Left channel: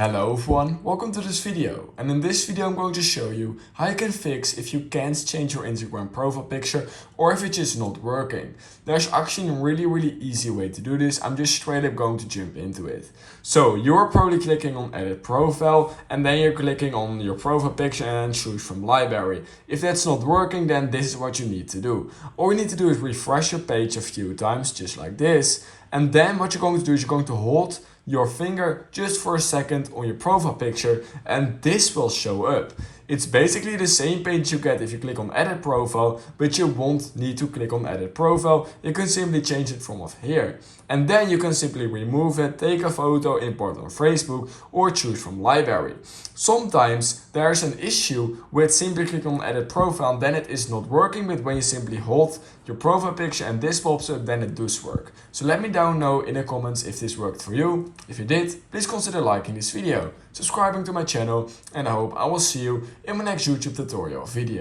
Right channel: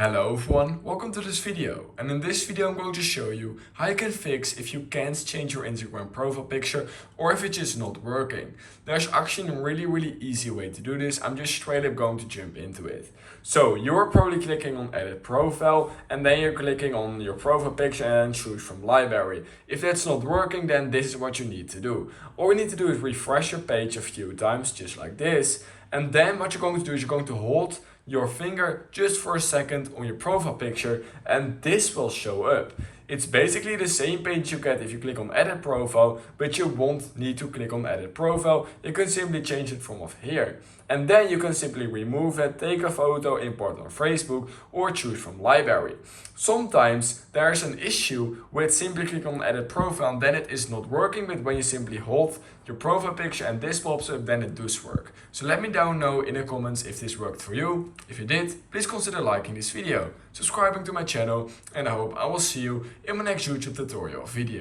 Hello everyone, welcome to this video, and in this video I'm going to show you how you can fix if you can't change your Instagram profile picture or if it's just not working. There's actually a really easy way to do this. I'm just straight up going to jump into it. So you're probably clicking on edit profile and then you're clicking on your profile picture and choose from library. If that's not working, then this is what you need to do. All you need to do is refresh your page a few times just like this, and then what you're going to do is you're going to hold your finger just for a second on your profile picture and this will show up. It's basically the same page you get if you click on edit profile, but you won't need to click on edit profile. You can simply change it from off here. And then you can simply remove it, take a photo, import on Facebook or choose from library. Sometimes there's an issue with simply clicking on edit profile and then it is not working, but when you simply hold your profile picture and this pops up, then it does work. So let me down know in the comments if this worked for you. If you did, please consider liking this video, subscribing to my channel, and I hope I will see you in my next YouTube tutorial video.